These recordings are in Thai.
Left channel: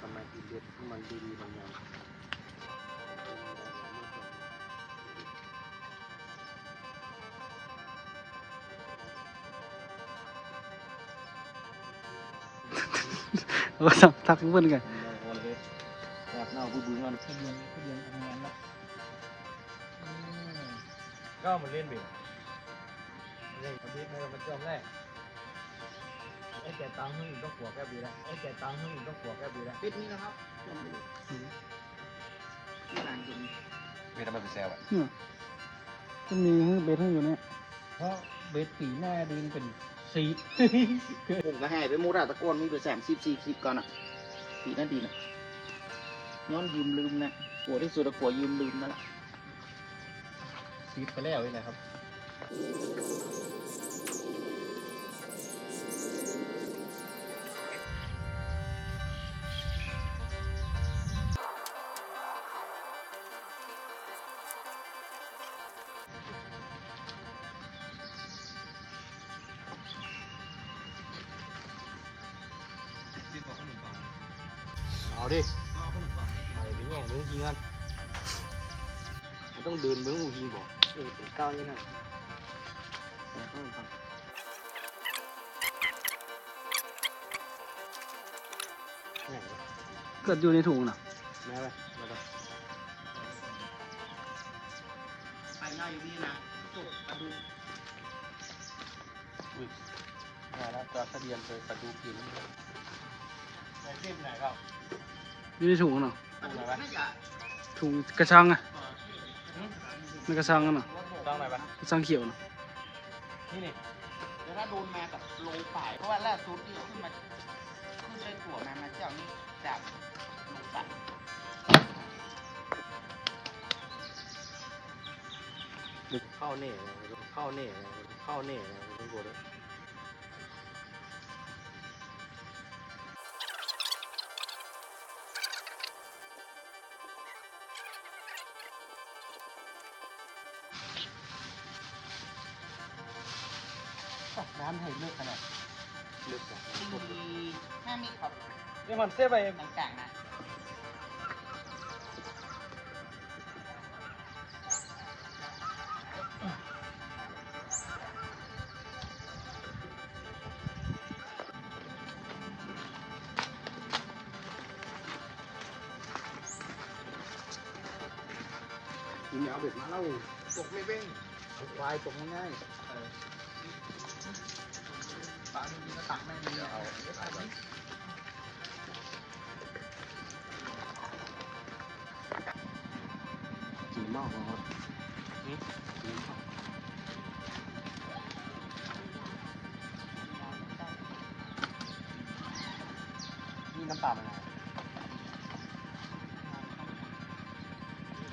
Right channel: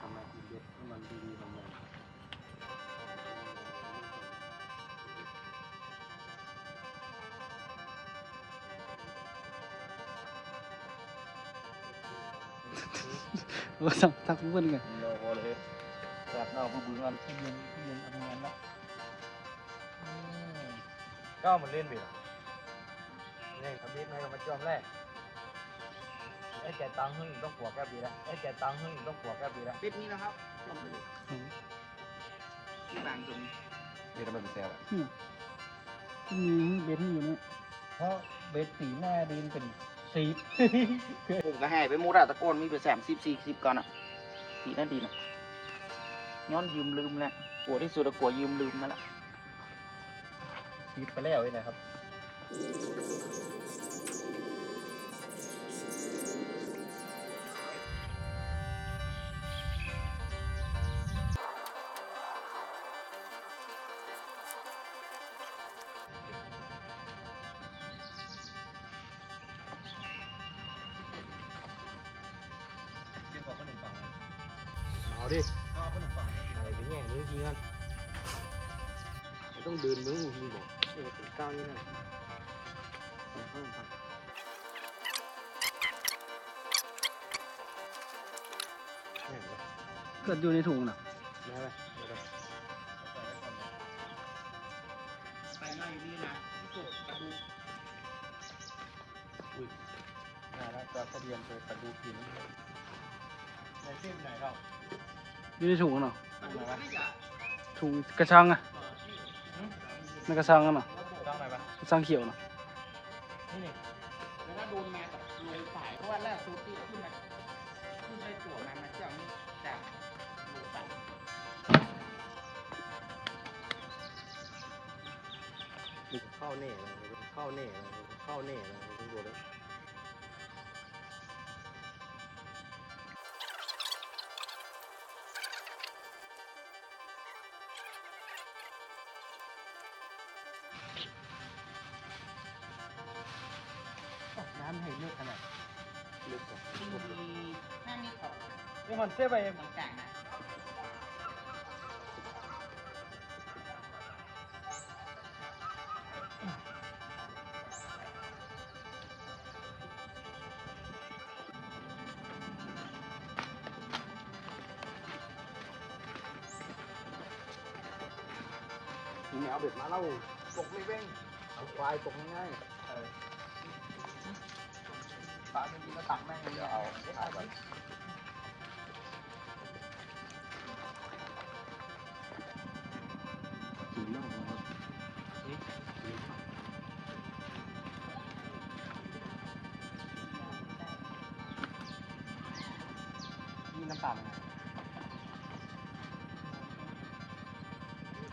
ทำไมกินเบ็ดที่มันดีๆมันแมนเราสักทักเพื่อนกันเราเลยแบบเดีๆมันเงินขึ้นเงินทำงานล ต้องหัวแก้บีแล้วไอ้แก่ตังค์หึ่งต้องหัวแก้บีแล้วปิดนี่นะครับที่ร้านกินเบ็ดมันเป็นแซ่บจะมีเบสให้อยู่เนี่ยเพราะเบ็ดสีหน้าดินเป็นสีผมก็ให้ไปหมูราตะโกนมีไปแสมสิบสี่คลิปก่อนอะดีนั่นดีนะย้อนยืมลืมแหละกลัวที่สุดอะกลัวยืมลืมนั่นแหละสีไปแล้วนี่นะครับ เกิดอยู่ในถุงน่ะไปง่ายอยู่นี่นะจบกระดูกมาแล้วจะทะเบียนไปสะดูกินไอ้เส้นไหนครับอยู่ในถุงเนาะกระดูกน่าจะถุงกระชังอะเอ่อนี่ในกระชังกันเนาะต้องไหนวะกระชังเขียวเนาะนี่าเน่เข้าเน่เข้าเน่คุณดูด้วร้านไทยเล็กขนาดลึกมีหน้ามีขอบนี่มันเส้นไป ต่างๆ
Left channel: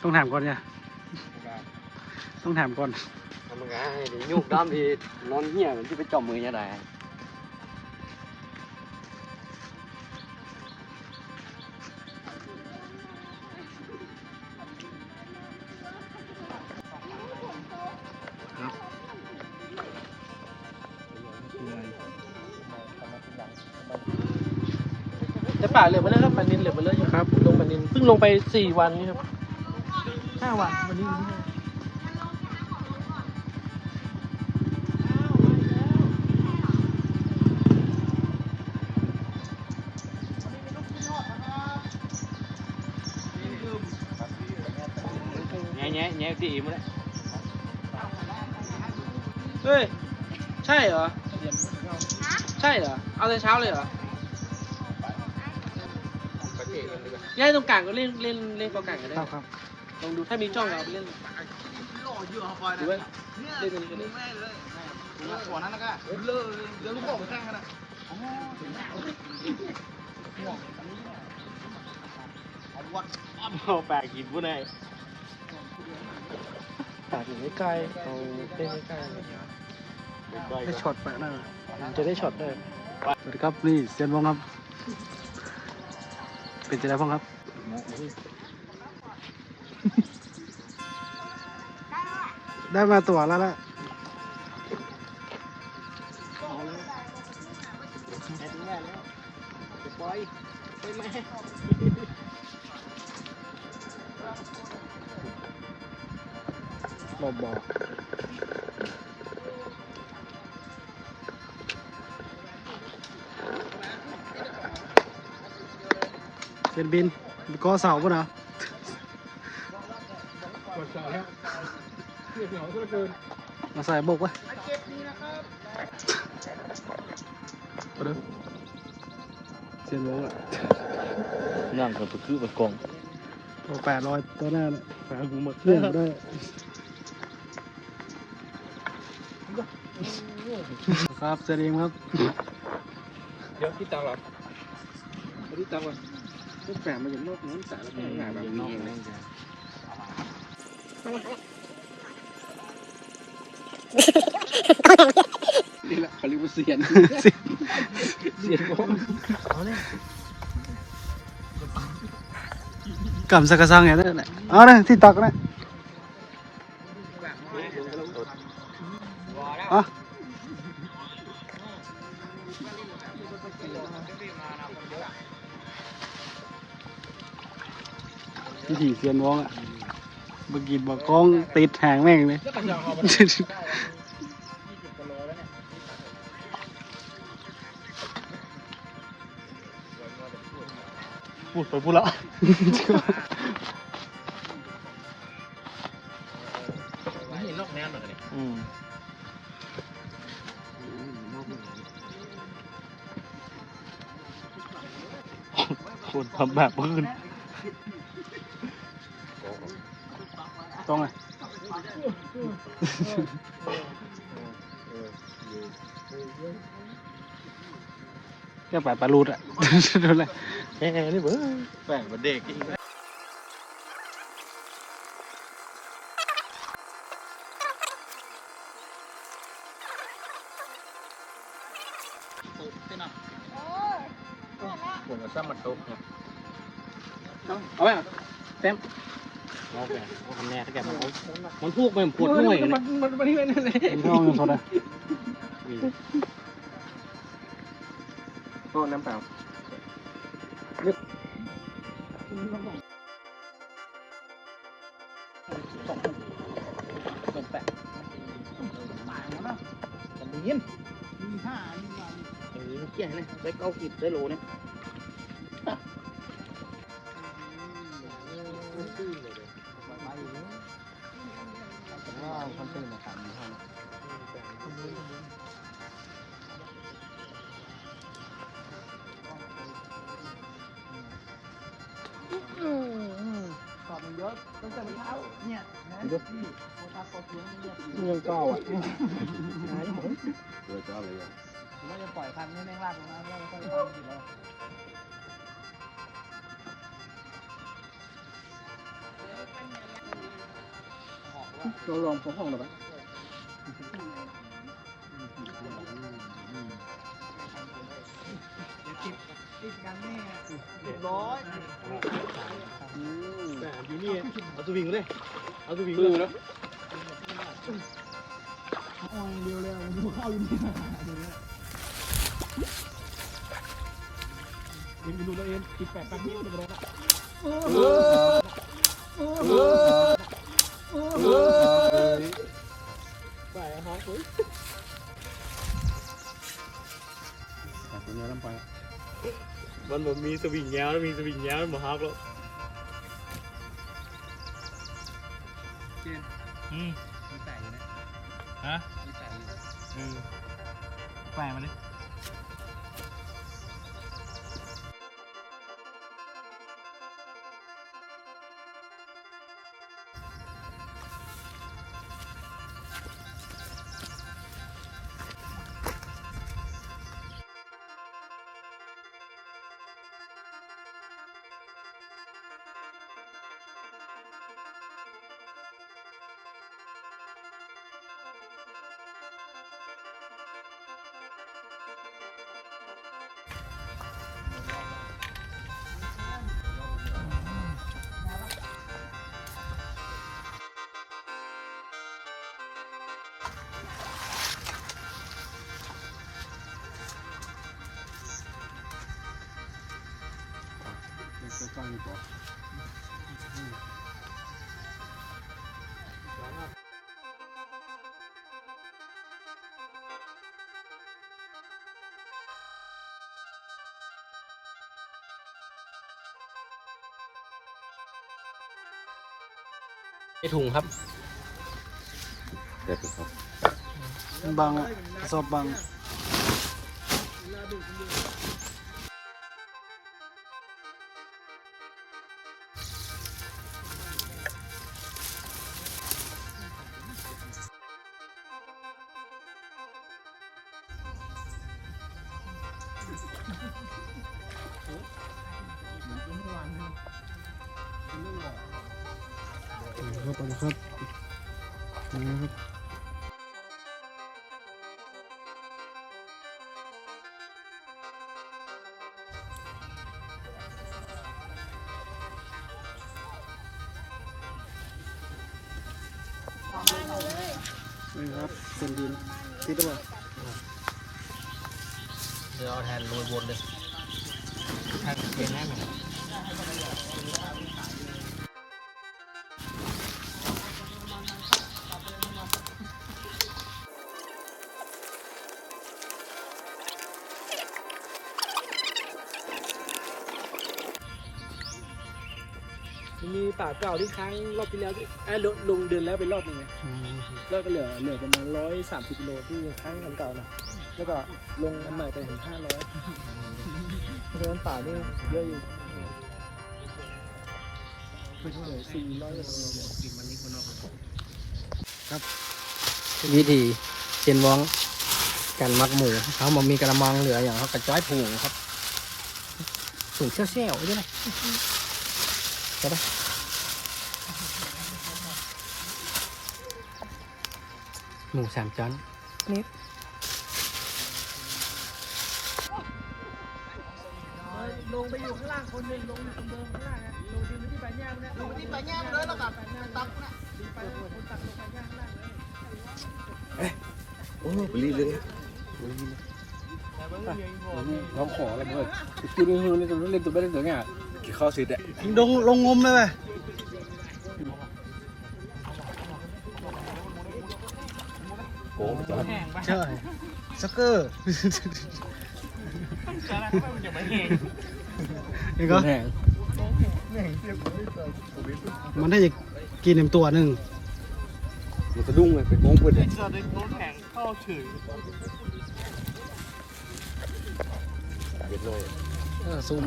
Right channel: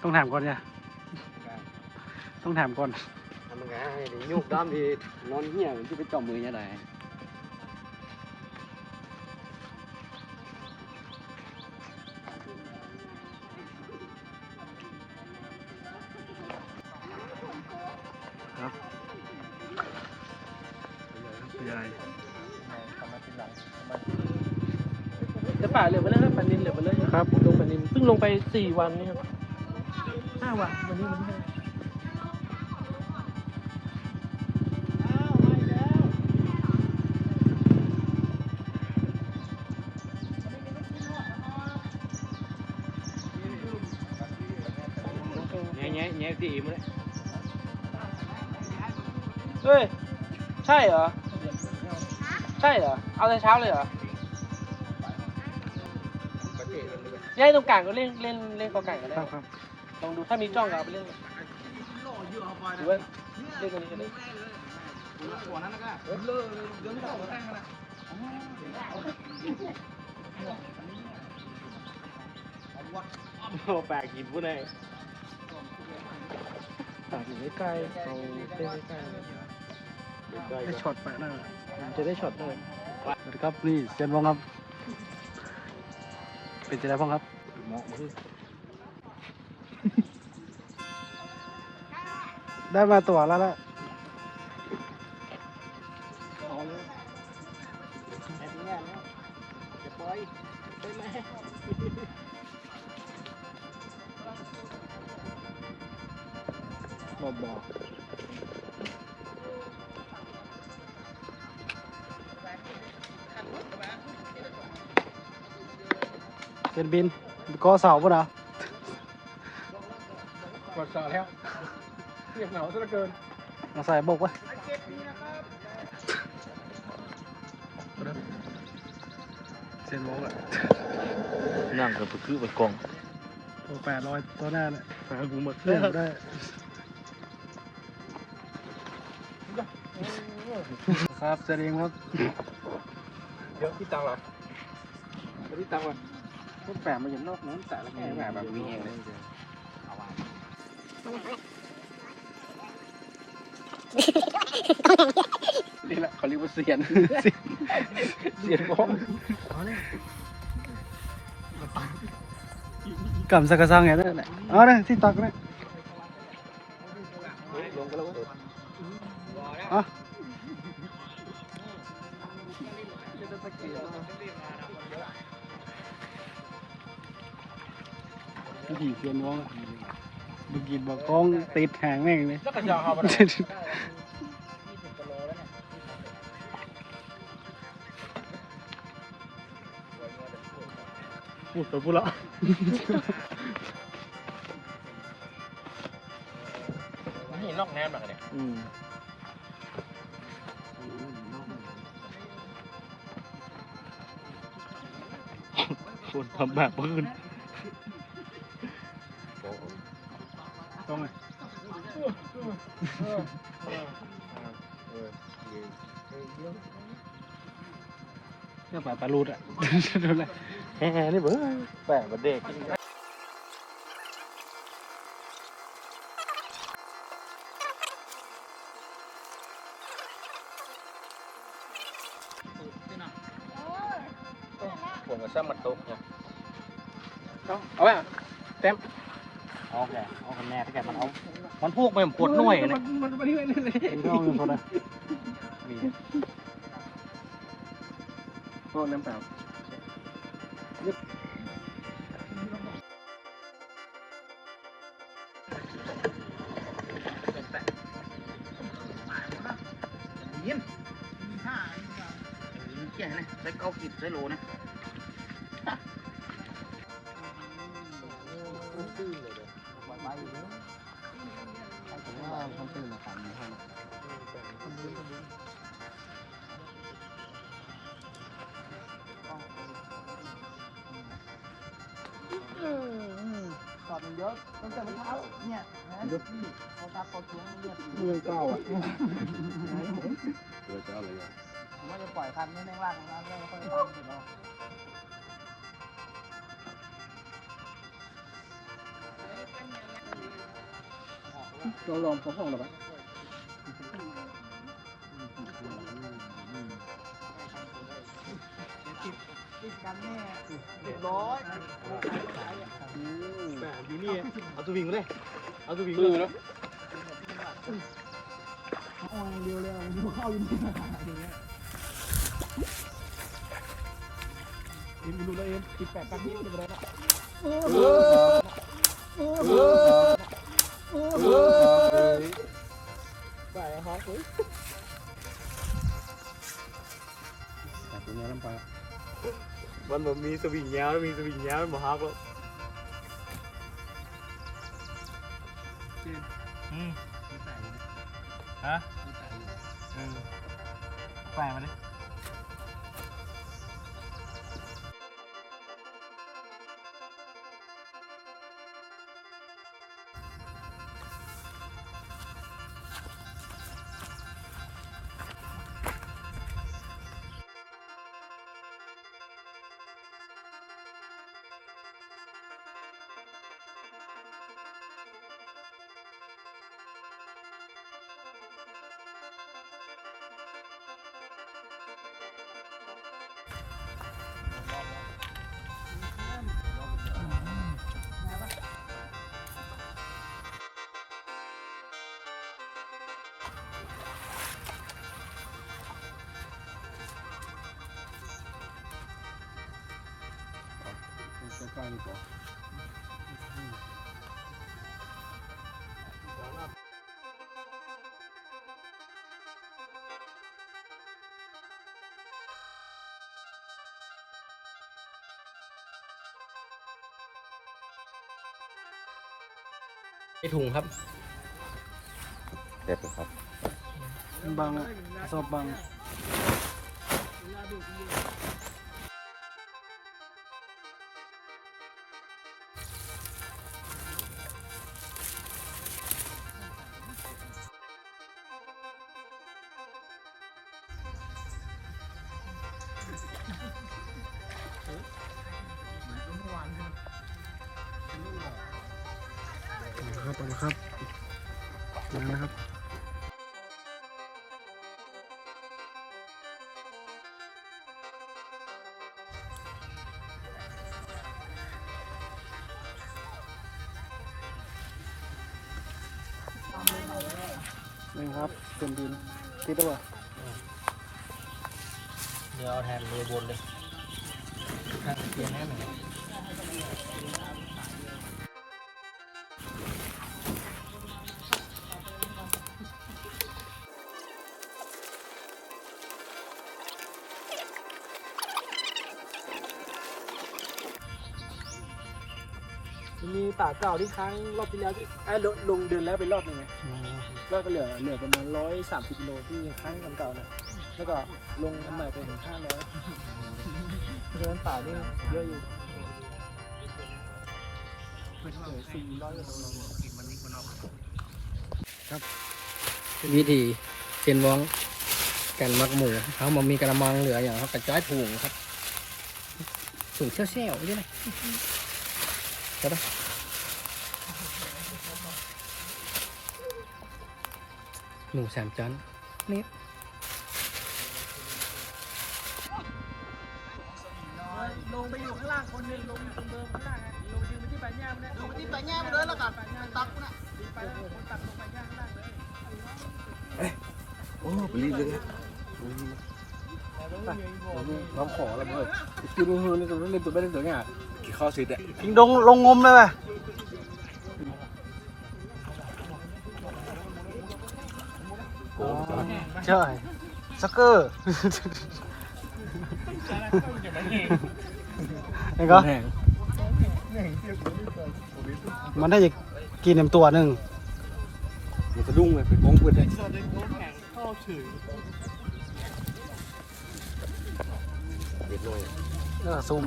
ต้องถามก่อนเนี่ย ต้องถามก่อนทำไงเดี๋ยวยุกด้ามดีนอนเหี้ยมันที่ไปจอมมือยังไงทำไมเป็นหลังแต่ป่าเหลือมาเลยครับปลานินเหลือมาเลยครับลงปลานินเพิ่งลงไปสี่วันนี่ครับ ห้าวันวันนี้วันที่ห้าแง่แง่แง่กี่มาเลยเฮ้ย ใช่เหรอ ใช่เหรอ เอาแต่เช้าเลยเหรอย้ายตรงกลางก็เล่นเล่นเล่นกองกลางกันคได้รับครับ ลองดูถ้ามีจ้องเอาไปเล่นหรือว่าเล่นกันนี้หัวนั้นแล้วก็เดี๋ยวลูกบอกข้างนะเอาแปลกกินผู้ใดป่าอยู่ไม่ไกลเอาเล่นไม่ไกลได้ช็อตไปนั่นน่ะมันจะได้ช็อตได้ สวัสดีครับ นี่เซียนวองครับ เป็นจะได้พ้องครับ ได้มาตัวแล้วละเอาเลยแอดแง่แล้วจะปล่อยได้ไหมเบาเป็นบินก็เสาป่ะนะๆกดต่อแล้ว เรียบเหงาซะเหลือเกินมาใส่บกไว้เสียนวงอะนั่งกับคือไปกองตัวแปดร้อยตัวหน้าเนี่ยหากูมาเลื่อนได้ครับเสร็จเองครับ เดี๋ยวที่ตังหรอที่ตังก่อนลูกแฝงมาอยู่นอกนู้นสารแค่ไหนแบบนี้เองเลย นี่แหละเขาเรียกว่าเสียนเสียนบ้องกำสักกระซังอย่างนั้นแหละเอาเลยที่ตักนะอะวิธีเสียนวงอะ เมื่อกี้บอกกล้องติดแหงแม่งเลย แล้วกันยาวเขาไปพูดไปพูดแล้วเห็นนอกแนวเหมือนกันเนี่ยอืมคนทำแบบพื้น ต้องไงจะไปปลาลูดอะดูเลยแง่นี่เบ้อแปลกมาเด็ก มันพูกไปมันปวดหน่วยเลยมันมันมันนี่มันนี่เอาเงินคนละก็น้ำเปล่ายินมีห้าเกี่ยเลยได้เก้ากิบได้โลนะ เขาทักเขาทวงเนี่ยเรื่องเก้าอะผมว่าจะปล่อยคันไม่แม่งลากลงน้ำแล้วค่อยทำสิเราเราลองพอห้องหรอปะติดกันแน่เรียบร้อยแหมอยู่นี่เอาตัววิ่งเลยเอาตัววิ่งเลย แล้วโอ้ยเดียวเลยมันดูเข้าอยู่นี่ดูเนี่ยเอ็มดูแล้วเอ็มติดแปดแป๊บนี้จะไปได้ละไปฮะเฮ้ยแต่ตัวนี้ลำไปมันบอกมีสวิงแย้วแล้วมีสวิงแย้วมันบอกฮักแล้วอืมมีแปดอยู่นะฮะ อืมแปลมาดิ ฟังดีกว่าไอถุงครับเด็ดครับบางอะกระสอบบาง ครับเอาละครับ มาแล้วครับนี่ครับเป็นดินติดแล้วเปล่าเดี๋ยวเอาแทนโรยบนเลยทางเปลี่ยนน้ำหน่อย เก่าที่ค้างรอบที่แล้วที่ไอ้ยลงลงเดินแล้วไปรอบหนึงไงแล้วก็เหลือเหลือประมาณร้อยสามสิบกิโลที่ค้างกันเก่านะแล้วก็ลงใหม่ไปถึงห้าร้อยเดินป่านี่เยอะอยู่สี่ร้อยกิโลวิธีเจนวองกันมักหมูเขามามีกระมังเหลืออย่างเขากระจายถุงครับถุงเซี่ยวๆด้วยนะใช่ปะ หมูสามชั้นนี่ลงไปอยู่ข้างล่างคนหนึงลงคนเดินข้างล่างนะลงที่ใบหญ้านะลงที่ใบหญ้าเลยแล้วกันตักนะคนตักลงใบหญ้าข้างล่างเลยโอ้ไปรีบเลยเขาขอแล้วเมื่อคือลงเล่นตัวเล่นตัวเล่นตัวเนี่ยกี่ข้าวสิเด็ดลงลงงมเลยป่ะ ก้จอดใช่สักเกอร์นี่ก็มันได้จะกินเต็มตัวหนึ่งมันจะดุ้งเลยไปโก้งเพื่อนเลยจะได้โน้ตแข็งเข้าถึงเด็ดเลยซุ่ม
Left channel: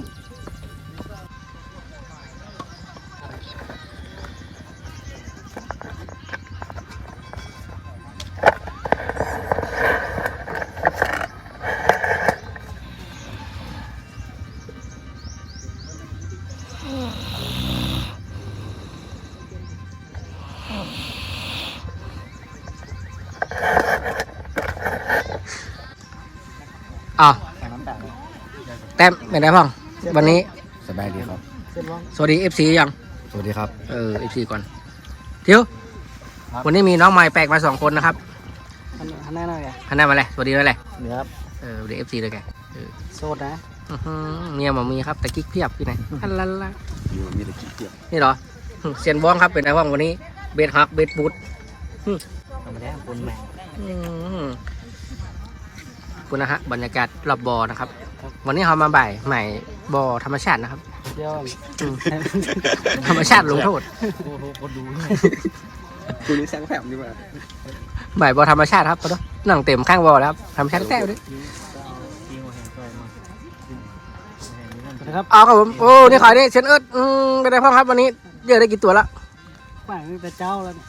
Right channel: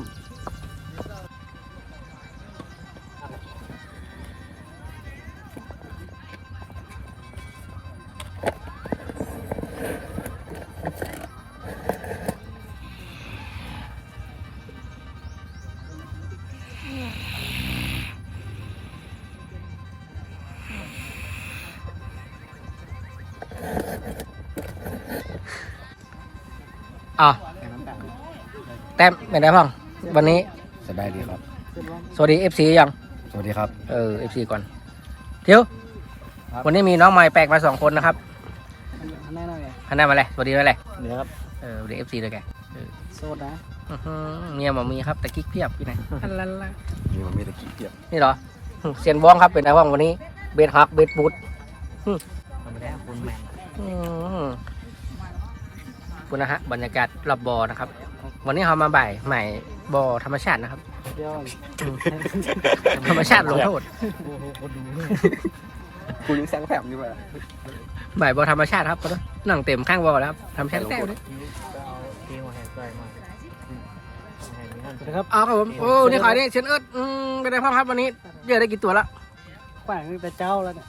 ต้มเป็นไงบ้างวันนี้สบายดีครับ สวัสดี FC ยัง สวัสดีครับ เออ FC ก่อนเที่ยวครับ วันนี้มีน้องใหม่แปลกมาสองคนนะครับอันนั้นอะไรคันหน้ามาเลยสวัสดีด้วยเลยนี่ครับเออสวัสดี FC เลยแกโซดนะอื้อหือเมียหมามีครับแต่กิ๊กเพียบอยู่ไหนอันละละมีแต่ขี้เกียจนี่เหรอหึเซียนบ้องครับเป็นไงบ้างวันนี้เบสฮักเบสบูทธรรมดาคนแมงอื้อหือคุณนะฮะบรรยากาศรอบบอนะครับ วันนี้เรามาบ่ายใหม่บอธรรมชาตินะครับเดี๋ยวอืมธรรมชาติลงโทษ โอ้โหคนดูคุณนี่แซงแถมดีกว่าบ่ายบอธรรมชาติครับปะเด้อนั่งเต็มข้างบอแล้วครับธรรมชาติแต้วด้วยนะครับเอาครับผมโอ้นี่ขายนี่เชนเอิร์ดอืมเป็นไงพ่อครับวันนี้เยอะได้กี่ตัวละแขวงตั้งแต่เจ้าแล้วเนี่ย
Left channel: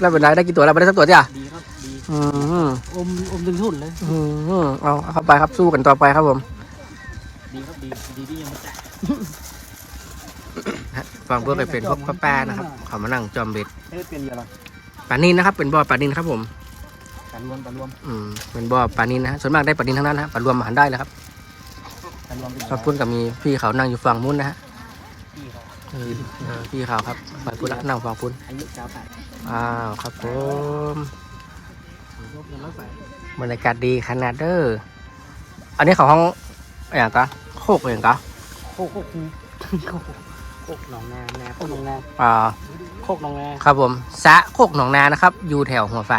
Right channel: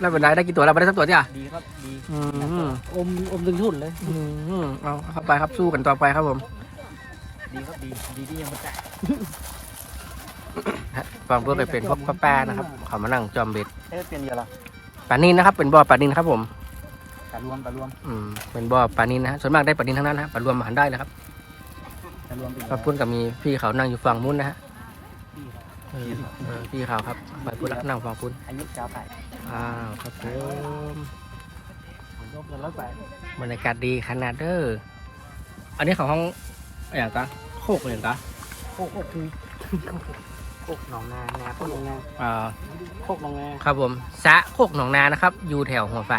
แล้วเป็นไรได้กี่ตัวแล้วไม่ได้สักตัวจ้ะดีครับดีอืมอมอมถึงทุนเลย อืมเอาเอาเข้าไปครับสู้กันต่อไปครับผมดีครับ ดีดีที่ยังไม่แตกฮะฟังเพื่อไปเป็นพวกป้าๆนะครับเขามานั่งจอมเบ็ดเฮ้ยเปลี่ยนเยอะละปลานินนะครับ เป็นบ่อปลานินครับผมการรวมการรวมอืมเป็นบ่อปลานินนะฮะส่วนมากได้ปลานินทั้งนั้นนะฮะปลารวมมาหันได้เลยครับการรวมเป็นขอบคุณกับมีพี่เขานั่งอยู่ฝั่งมุ้นนะฮะพี่ครับเออเออพี่เขาครับไปพูดละนั่งฝั่งพุ้นอายุเก้าแปดอ้าวครับผมยกเงินร้อยแปดบรรยากาศดีขนาดเด้ออันนี้ของห้องอย่างกะ โคกอย่างกะโอ้โหกูโคกหนองนานาโคกหนองนาอ่าโคกหนองนาครับผมสะโคกหนองนานะครับ อยู่แถวหัวไฟ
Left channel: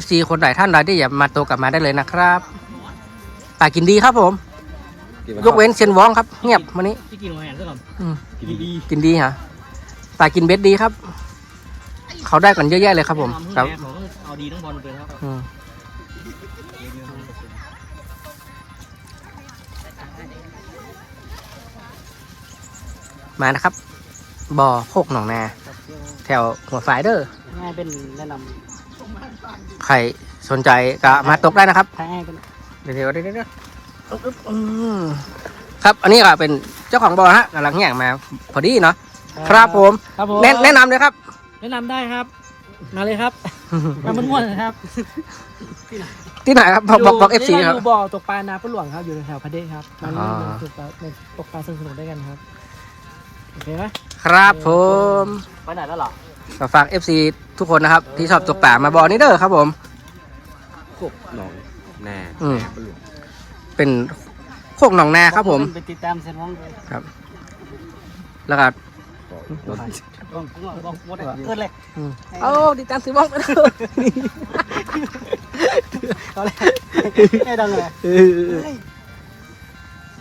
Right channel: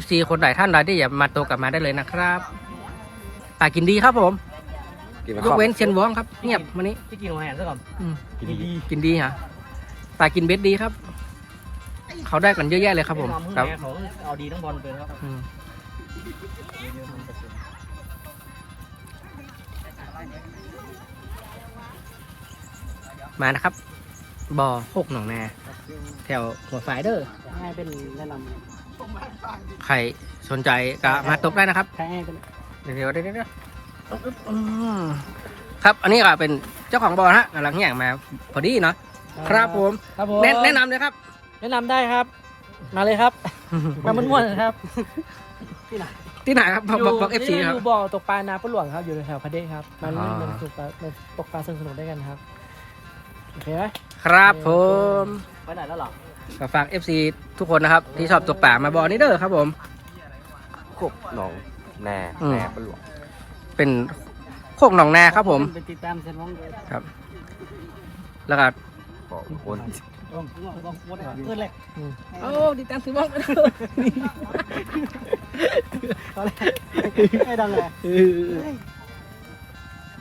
FC คนไหนท่านใดที่อยากมาโตวกลับมาได้เลยนะครับปลากินดีครับผม ยกเว้นเชนวองครับ เงียบวันนี้พี่กินหัวแหนซะก่อนอืมกินดีกินดีฮะปลากินเบ็ดดีครับ เขาได้กันเยอะแยะเลยครับผมคครัรับบเขาเอาดีต้องบอลไปครับ มานะครับบ่อโคกหนองนา แถวหัวไฟเด้อให้เป็นแนะนใครสนใจก็มาตกได้นะครับำให้เป็นเดี๋ยวเดี๋ยวเดี๋ยวเดี๋ยวอึ๊บอึ๊บอืมครับ อันนี้ก็เป็นเจ้าของบ่อฮะกำลังแย่งมาพอดีเนาะครับผมครับผมแนะแนะนำเลยครับ แนะนำได้ครับ มาเลยครับ มาม้วนๆนะครับที่ไหนครับบอกบอกบอกเอฟซีครับอยู่บ่อตกปลานาปลาหลวงครับอยู่แถวๆพระเดชครับมาเล่นอ่าตกปลาในตกปลาสนุกๆด้วยกันครับ โอเคไหมครับผมไปไหนแล้วหรอก็ฝาก FC ทุกคนนะครับ ที่ชอบตกป่ามาบ่อนี้เด้อครับผม กบหนองแน่อืม แน่ปลาหลวงเป็นโคกหนองนาครับผม ไปติดตามเซนน้องเลยครับ แล้วก็ ขอวนต้องต้องวดเกินเลยเอาดิตามซื้อบ้องไปเลยให้ดังเลยเออ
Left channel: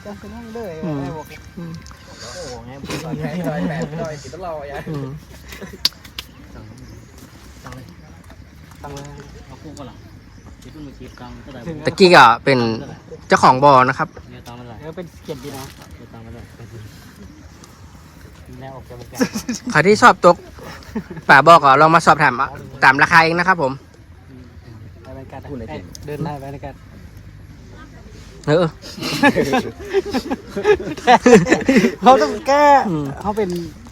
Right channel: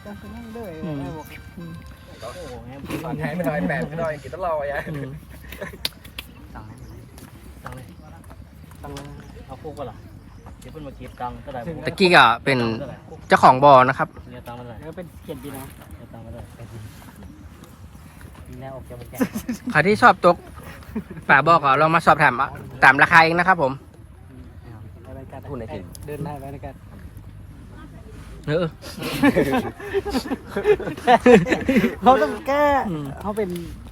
จังกันนั่งเลยอื มโอ้โหไงหน่อยแบบหน่อยกินตลอดยายอืมจังเลยจังเอาคู่กันหรอเดี๋ยวเพิ่งมาเก็บตังก็ได้ตะกี้ก็เป็นเจ้าของบ่อนะครับเนี่ยตังค์มาเท่าไหร่เออเป็นเก็บดีนะเนี่ยตังค์มาเท่าไหร่แล้วออกจากวงการใครที่ชอบตกป่าบ่อก็ลองมาสอบถามตามราคาเองนะครับผม เดินได้บรรยกาศ เออเราต้องแก้อืม เขาเป็น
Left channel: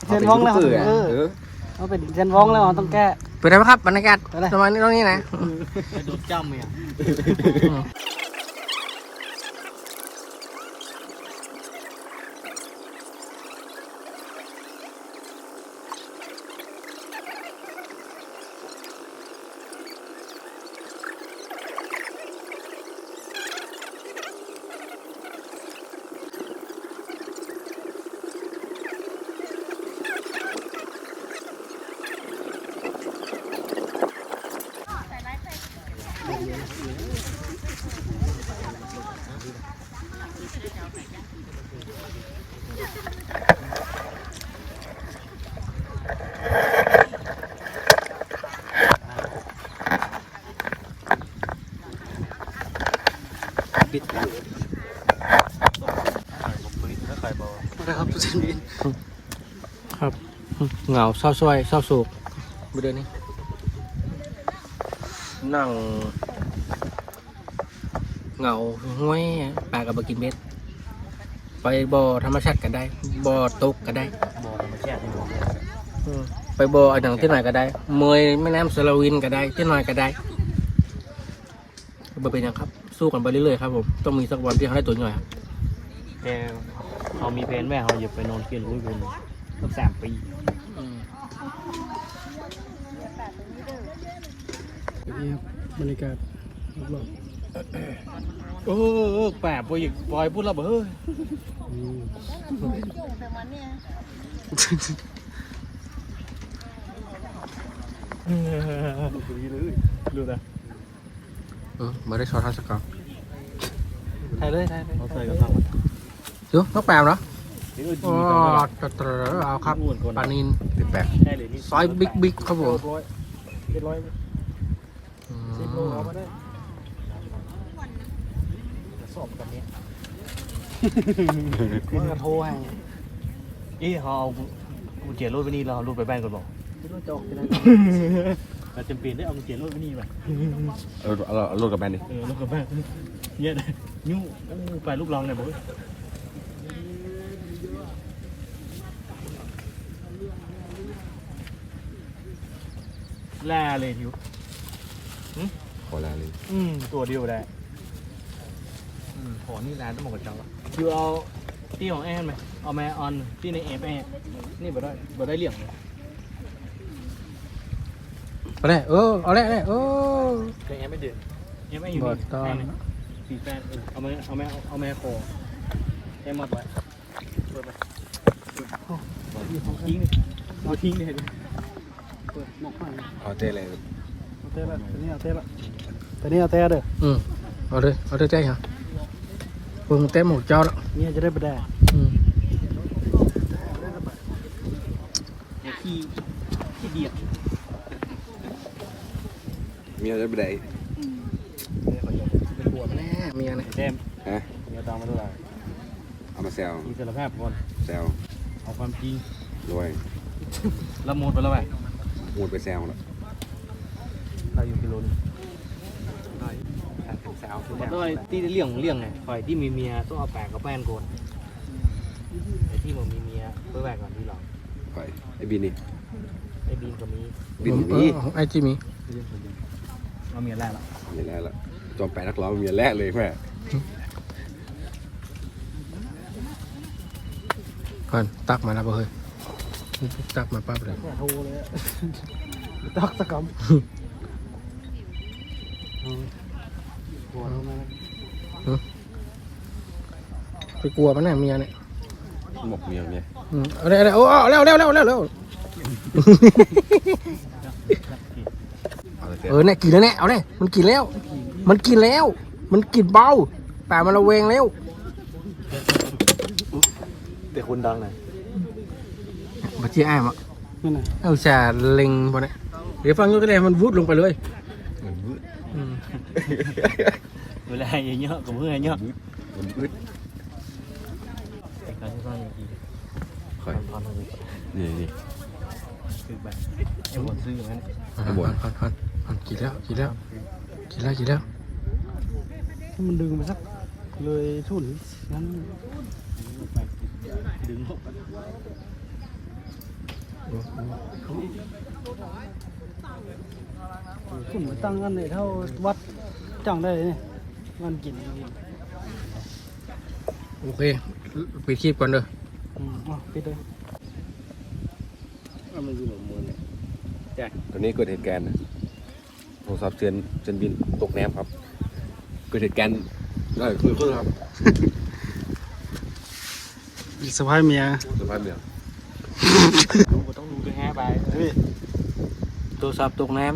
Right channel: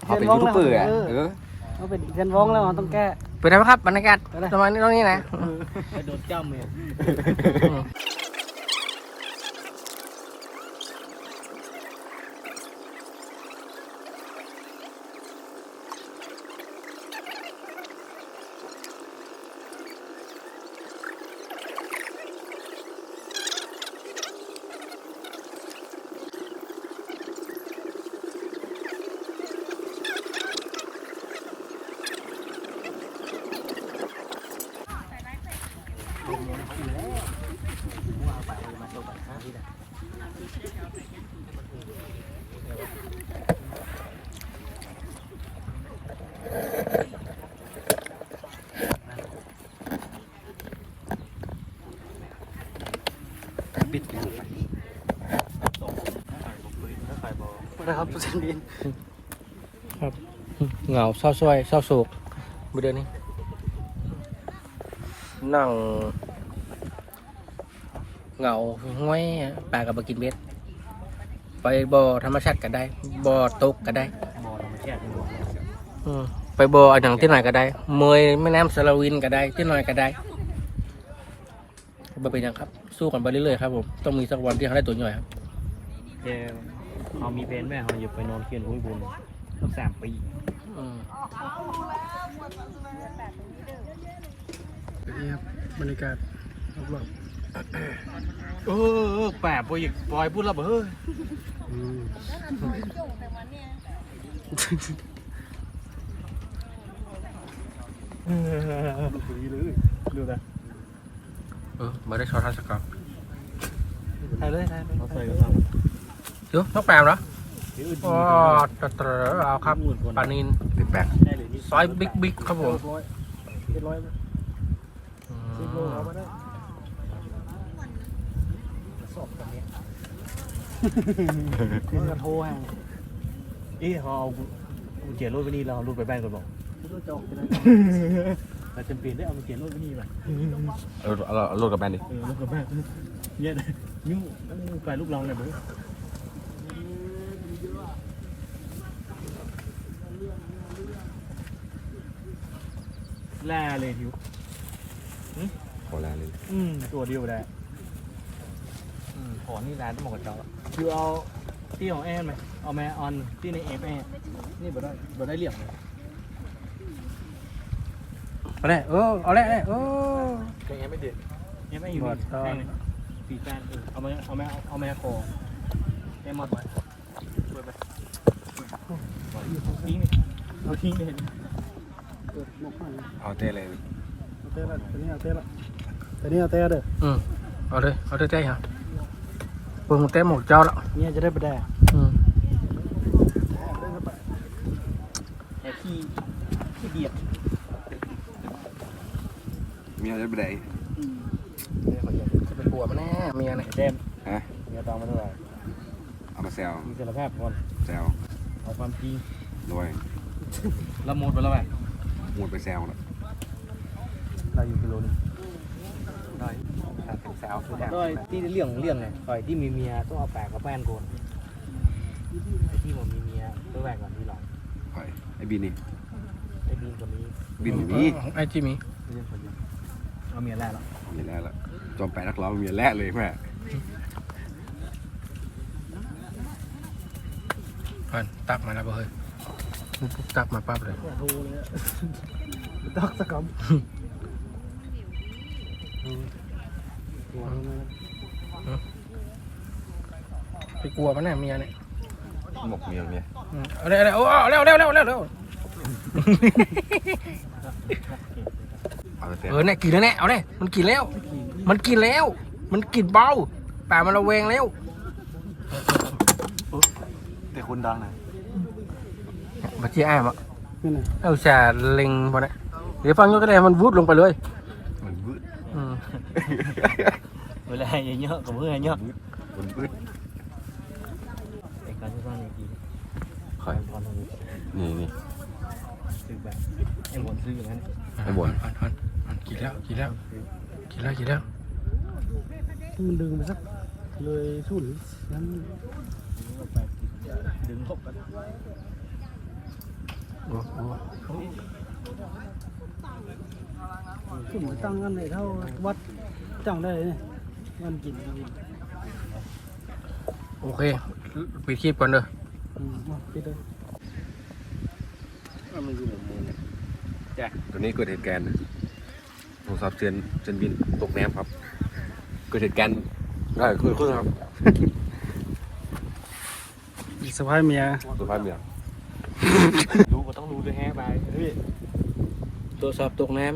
เซเขานเป็นวองยูแล้วทูบเบอร์ไงเออเออเขาเป็นเซนวองแล้วเราต้องแก้ เป็นไงบ้างครับบรรยากาศประมาณนี้ตรงนี้นะ ไปโดดจ้ำเลยอืม นะครับเซนดินเหงาเศร้าซ้อยเศร้าโศกเดือนนี้นั่งเหงาห้วยปลากับบกินเบ็ดไปบ่อธรรมชาติก็ได้บ่อตกก็ได้บ่อธรรมชาตินี่บ่อืมไปบ่ออันอย่างที่ไหนก็ได้ เมยแม่น้ำสารวินก็ได้ที่ไหนก็ได้บ่เป็นหยังครับ สู้กันไปเรื่อยๆครับผมต้องมีสักวันที่เขาได้ตัวใหญ่ครับแก เรามีเพนแม่เขาหยิบไปนอนเกียนอุ้ยบุญตั้งสามปีอืมนี่ครับบรรยากาศรอบเออแปะปอยปล่อยพูดแล้วเฮ้ยดูนะเออมาได้ช็อตทัศกรถ่ายเลยถ่ายเลยเอาใส่กระชังเดี๋ยว ต้องแปลเหรอเดี๋ยวอ๋อตะเตรอเอาครับปลานินใช่เลยนี่ซอยบิ๊กบิ๊กครับผมร้อยเจ็ดร้อยอืสิบโลมเอาไปได้สอบกันเนี้ยคุณกระโทรให้เอ้เขาเอากุญแจรถไปนี่เราเอารถไปบ้านก่อนบอกคุณต้องจอกกันนะเราจำเป็นได้เอากุญแจรถไปนี่ไปเอาเอาเอาโลดกับแบนดิเออรถกลับบ้านเยอะเลยนิ้วอู้ไปลูกลองเนี่ยบ แล่เลยทิวขอลาเลยอืมตัวเดียวได้อืมขอนี่ร้านต้องบอกกับเจ้าอยู่เอาที่ของแอนไหมเอาแม่ออนที่ในเอฟแอนนี่บ่ได้บ่ได้เหลี่ยมเลยเอาเลยเออเอาเลยเอาเลยเออ แต่ยังไม่เดือดเอฟแอนอยู่นี่บ่ต้อง แอนปีแฟนเออเอาแม่เอาแม่เอาแม่คอแอนมาไปเปิดไปทิ้งเอาทิ้งเลยเปิดหมกให้เอาเต้เลยเอาเต้ละตัวนี้เอาเต้ละตัวนี้เอาเต้เด้ออืมเอาเลยเอาเลยใจฮะเบิ่งเต็มหมดเจ้าแล้วเนี่ยจะได้ไปได้อืมแต่ขี้ขี้เดียดมีอะไรไปไหนจะไปกลัวมันแน่เมียเนี่ยเต็มฮะเมียตามมาเท่าไหร่มาแซวมีสารภาพก่อนแซวเอาความจริงรวยละหมดไปแล้วไหม พูดไปแซวแล้วเราอยู่กิโลนึงได้ทางถึงสาวคือมันด้วยที่เลี้ยงของเลี้ยงไงคอยที่มีเมียต้องเอาแปะกับแป้นโกนไอ้ที่ผมมีเมียเพื่อแปะก่อนที่เราไปไอ้บินนี่ไอ้บีนกับมีบินเอมีอของไอจิมีเรื่องคนเดียวเอาเมียแรกแล้วมีแล้วล่ะจอมไปนักร้องมีแร่เลยแม่ก่อนตักมาแล้วบ่เฮ้ย ตักมาปั๊บเลยแค่โทรเลยตักตะกำตัวนั้นนะไปกลัวมันแน่เมียเนี่ยหมกเมียเมียอืมเอาเลยเอาเลยโอ้เอาเร็วเร็วเร็วเร็วเร็วเอาเต้เออเนี่ยกินแล้วเนี่ยเอาเนี่ยมันกินแล้ว มันกินแล้ว มันกินเบาป่ามันระเวงแล้วแต่คนดังนะ มาเชี่ยอ้ายมะนั่นน่ะเอาแช่เล็งพอเนี่ยเดี๋ยวฟังยกก็ได้มันวุดลงไปเลยมันวืดอืมเวลาเยอะๆกับเพื่อนเยอะมันวืดไอ้การที่สร้างอย่างนี้คอยพอนทำนี้นี่นี่ซื้อแบบไอ้บนซื้ออย่างนั้นอ่อนอ่อนอ่อนอ่อนกินแล้วกินแล้วกินแล้วกินแล้วมันดึงมาสักเลยทุ่นนั้นดึงหกกัน โอ้โหทุ่นตั้งกันเลยเท่าวัดจังได้เลยเนี่ยมันกินโอเคปิดคลิปก่อนเด้ออืมอะปิดเลยมันอยู่หลังมือเนี่ยตอนนี้เกิดเหตุการณ์นะโทรศัพท์เตือนเตือนบินตกน้ำครับ เกิดเหตุการณ์ได้คือคือครับสภาพเมียสภาพเมือง รู้ก็ต้องรู้ด้วยแฮะไปโทรศัพท์ตกน้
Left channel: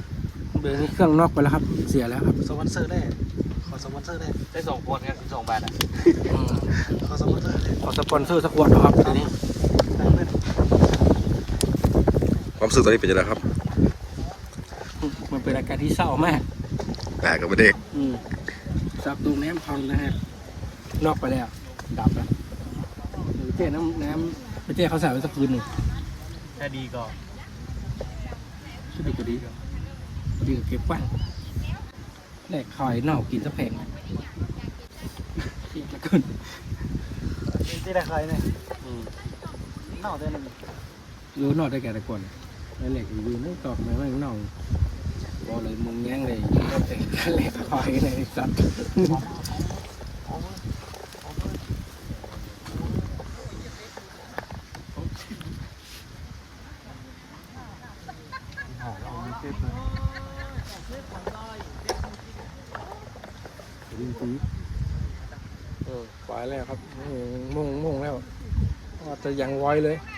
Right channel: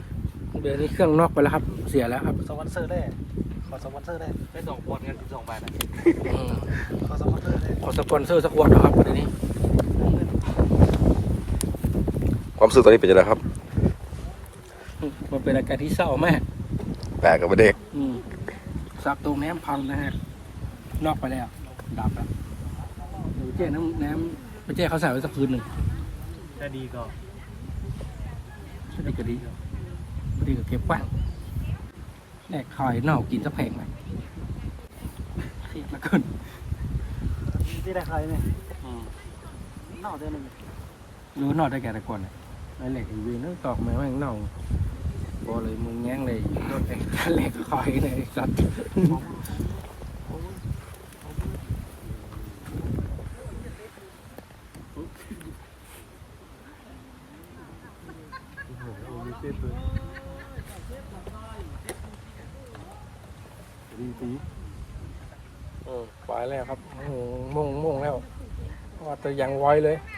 ำเดี๋ยวนี้เครื่องนอกไปแล้วครับ เสียแล้วครับสปอนเซอร์ได้ขอสปอนเซอร์ได้ได้สองคนเนี่ยสองบาทอะอืมขอสปอนเซอร์ได้ขอสปอนเซอร์สักขวดนะครับทีนี้ ความรู้สึกตอนนี้เป็นยังไงครับ มันเป็นอาการที่เศร้ามากแปลกกับประเด็กอืมสับตรงน้ำพังนะฮะนอกไปแล้ว ดับแล้วเดี๋ยวเจ๊น้ำน้ำ ไปเจ๊เขาใส่ไว้สักคืนหนึ่งถ้าดีก็ก็ดีก็ดีดีก็เก็บกว้างแลกคอยเน่ากินสักแพงไหมเครียดแล้วเกินที่ได้ใครเนี่ยอืมนอกได้เลยรู้นอกได้แก่แต่ก่อนเนี่ยไอ้เหล็กอีวีนึกตอกมาว่าอย่างเน่าบอเลยมึงแง้งเลยรถเองเหล็กคอยเลยไอ้สัตว์ อืมไปแล้วครับอืมมุ่งมุ่งแล้ว ว่า จะ